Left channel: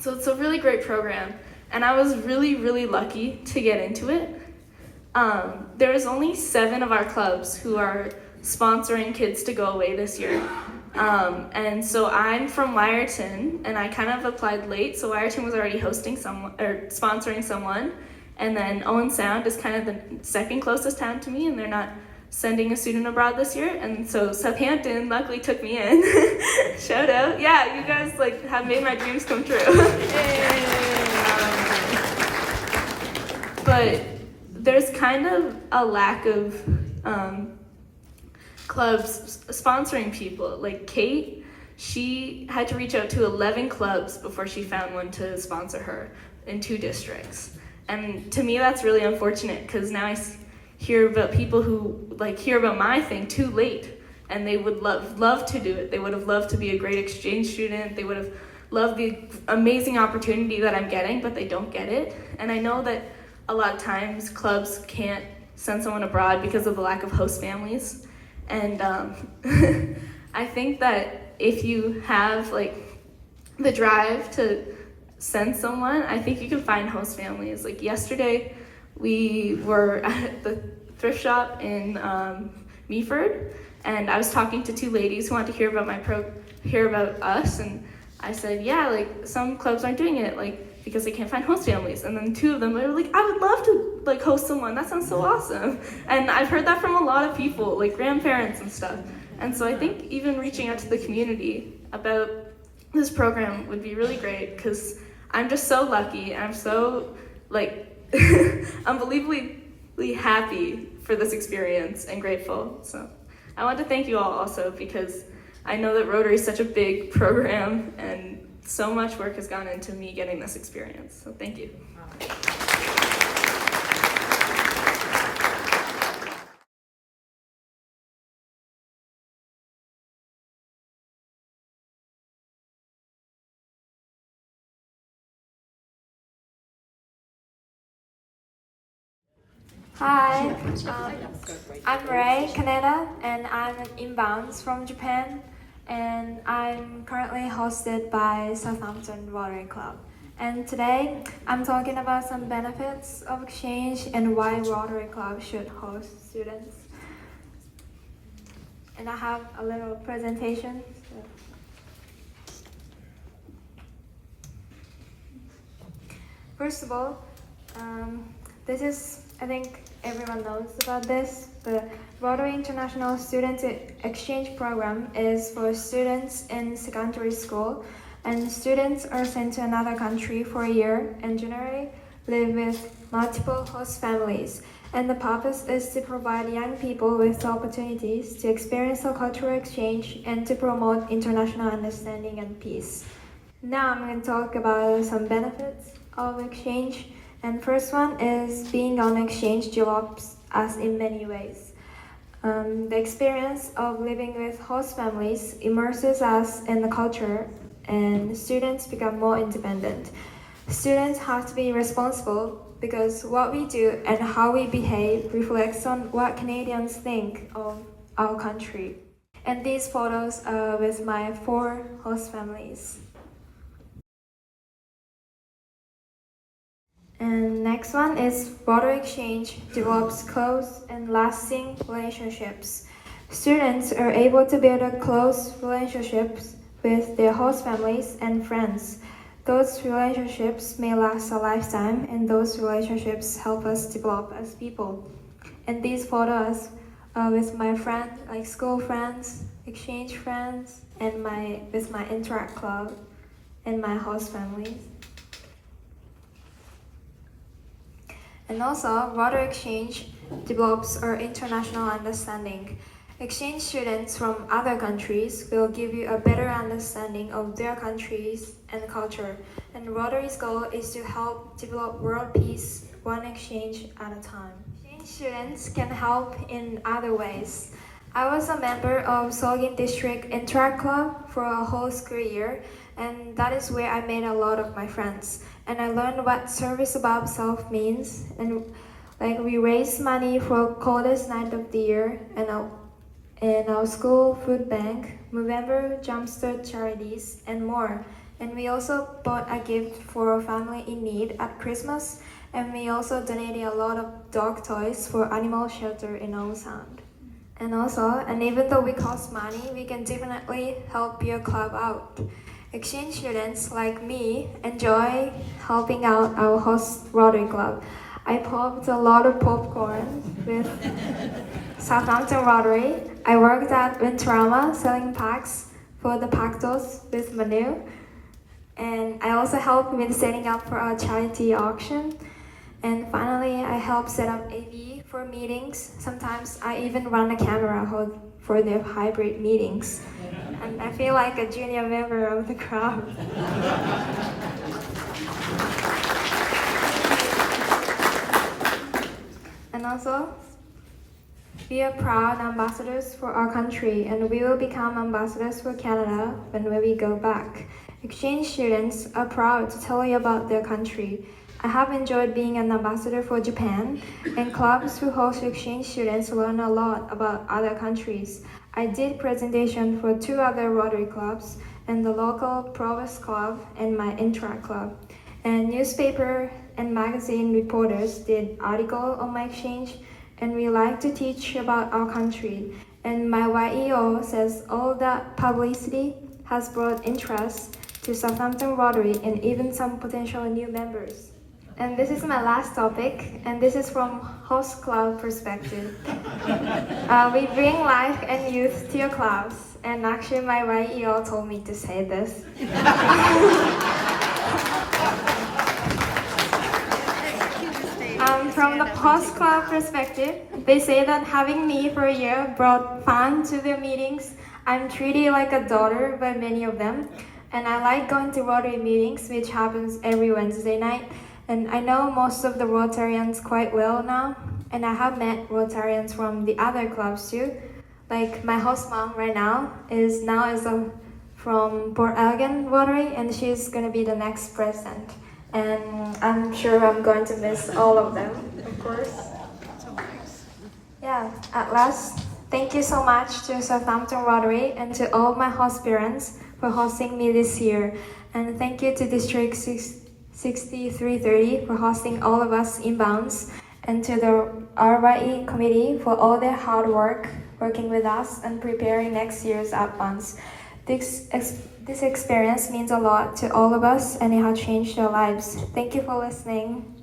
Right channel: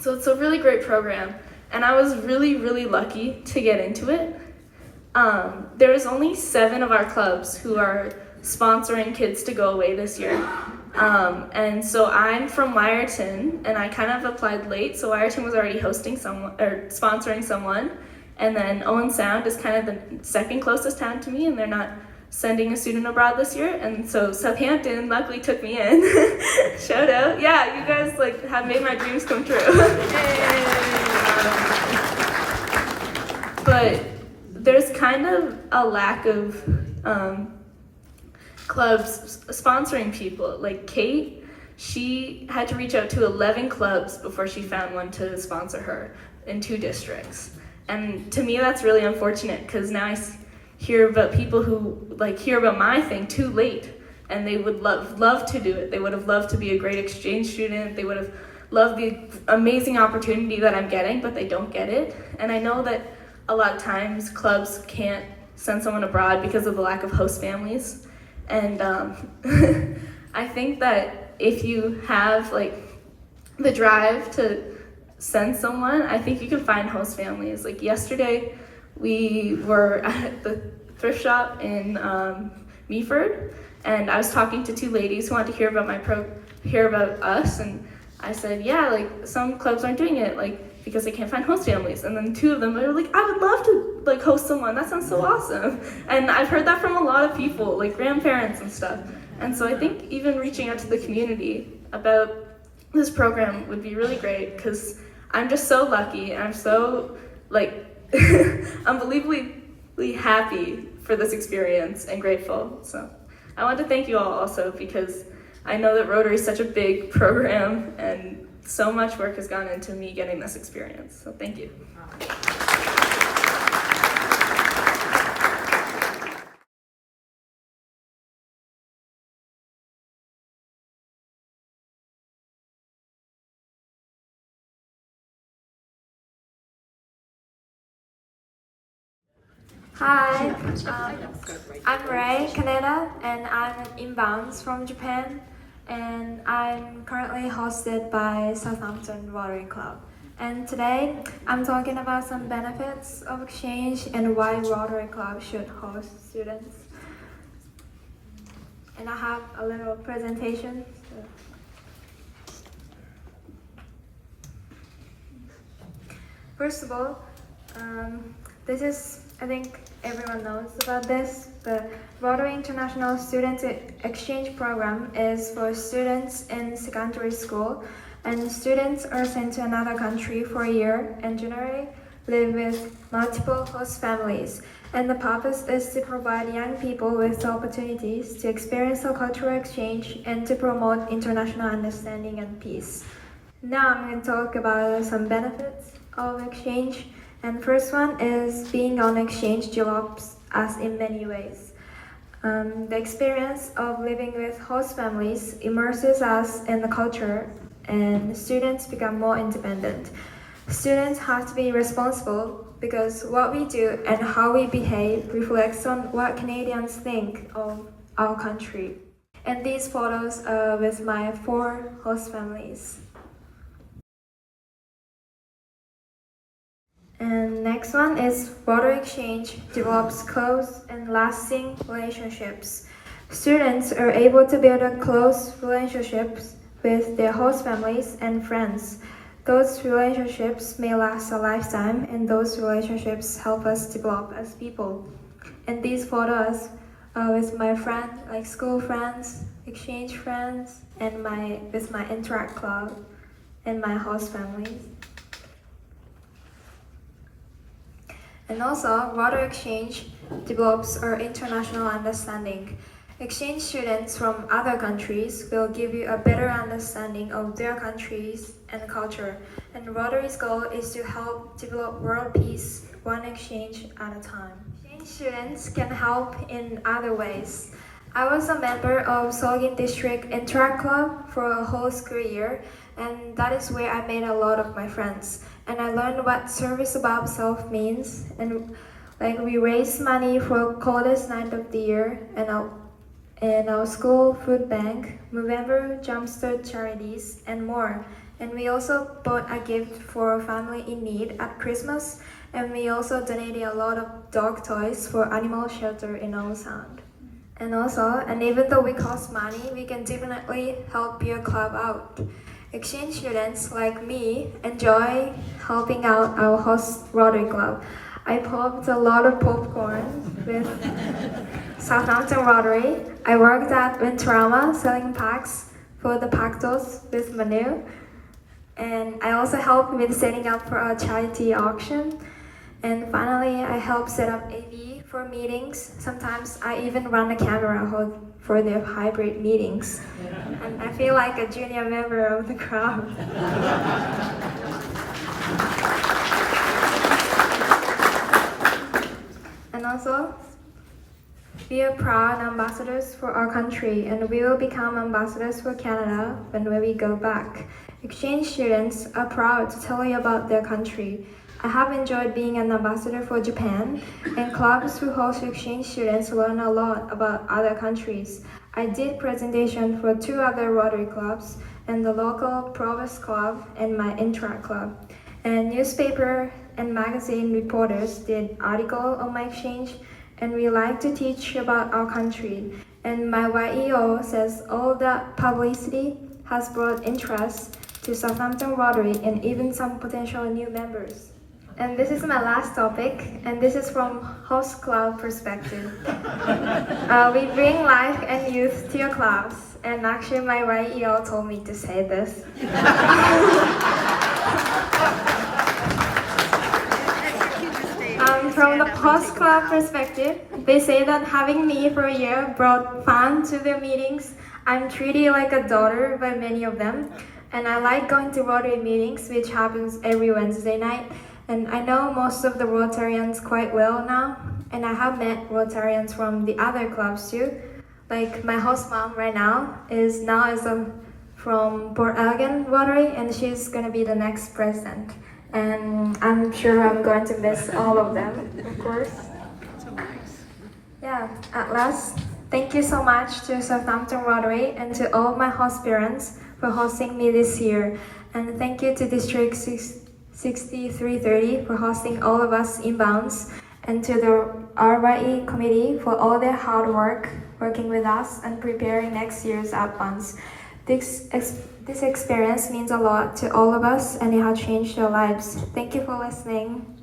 So it's a really great program, and I was really lucky to get into it. There was only 7 of our clubs who are sponsoring kids to go away this year. And so I'm from Wyerton, and I kind of applied late, so Wyerton was already hosting someone or sponsoring someone, and then Owen Sound is kind of the second closest town to me, and they're not sending a student abroad this year, and so Southampton luckily took me in. Shout out. Yeah, you guys like have made my dreams come true. But there's kind of a lack of clubs sponsoring people. Like Kate, she had to reach out to 11 clubs before she found one to sponsor her in 2 districts. And to me, that's really unfortunate, because now I hear about people who like hear about my thing too late, and they would love to do it. They would have loved to be a great exchange student. They would have loved the amazing opportunity that I'm getting, but they don't get it. And I know that a lot of times clubs can't send someone abroad because of the lack of host families. And I think that if you have like the drive to send someone, I think you can find host families. Like yesterday, we were at the thrift shop in Meaford, and I was talking to 2 ladies who wanted to hear about us, and I said, yeah, like some clubs aren't doing it, like because they can't find host families. And then 2 of them were like, I would love to like host someone. That sounds so awesome. And I've heard that from a lot of people, like grandparents and stuff. And so I think even reaching out to the community about this program would be really great, because I'm just so lucky, and I'm so like unbelievably happy for this experience and grateful. So I want to thank you all also, because I know that Rotary is such a big program, and so much work has gone into me getting this experience. So thank you. Hi, I'm Rei Kaneda, and I'm an inbounds from Japan, and I'm currently hosted by Southampton Rotary Club. And today, I'm talking about some benefits of exchange and why Rotary Club should host students. And I have a little presentation. First of all, this is, I think everyone knows about this, but Rotary International Student Exchange Program is for students in secondary school, and students are sent to another country for a year and generally live with multiple host families. And the purpose is to provide young people with opportunities to experience a cultural exchange and to promote international understanding and peace. Now I'm going to talk about some benefits of exchange. And first one is being on exchange develops us in many ways. The experience of living with host families immerses us in the culture, and students become more independent. Students have to be responsible because what we do and how we behave reflects on what Canadians think of our country. And these photos are with my 4 host families. And next one is Rotary Exchange develops close and lasting relationships. Students are able to build a close relationships with their host families and friends. Those relationships may last a lifetime, and those relationships help us develop as people. And these photos are with my friends, like school friends, exchange friends, and with my Interact Club and my host families. And also, Rotary Exchange develops our international understanding. Exchange students from other countries will give you a better understanding of their countries and culture. And Rotary's goal is to help develop world peace, one exchange at a time. Exchange students can help in other ways. I was a member of Solgin District Interact Club for a whole school year, and that is where I made a lot of my friends. And I learned what service above self means, and like we raise money for coldest night of the year, and our school food bank, Movember, Jumpstart charities, and more. And we also bought a gift for a family in need at Christmas, and we also donated a lot of dog toys for animal shelter in Old Sound. And even though we cost money, we can definitely help your club out. Exchange students like me enjoy helping out our host Rotary Club. I popped a lot of popcorn with Southampton Rotary. I worked at Winterama selling packs for the Pactos with Manu. And I also helped with setting up for our charity auction. And finally, I helped set up AV for meetings. Sometimes I even run a camera for their hybrid meetings. And I feel like a junior member of the crowd. And also, we are proud ambassadors for our country, and we will become ambassadors for Canada when we go back. Exchange students are proud to tell you about their country. I have enjoyed being an ambassador for Japan, and clubs who host exchange students learn a lot about other countries. I did presentation for 2 other Rotary clubs, and the local Provost Club and my Interact Club. And newspaper and magazine reporters did article on my exchange, and we like to teach about our country. And my YEO says all that publicity has brought interest to Southampton Rotary and even some potential new members. And this is my last topic, and this is from host club perspective. We bring life and youth to your clubs, and actually my YEO told me to say this. From the host club perspective, they say that having me for a year brought fun to their meetings. I'm treated like a daughter by many of them, and I like going to Rotary meetings, which happens every Wednesday night. And I know most of the Rotarians quite well now, and I have met Rotarians from the other clubs too. Like my host mom right now is from Port Elgin Rotary, and she's gonna be the next president. And I'm sure I'm going to miss all of them, of course. Yeah, at last, thank you so much to Southampton Rotary and to all of my host parents for hosting me this year. And thank you to District 6330 for hosting all of us inbounds, and to the RYE committee for all their hard work working with us and preparing next year's outbounds. This experience means a lot to all of us, and it has changed our lives. Thank you for listening.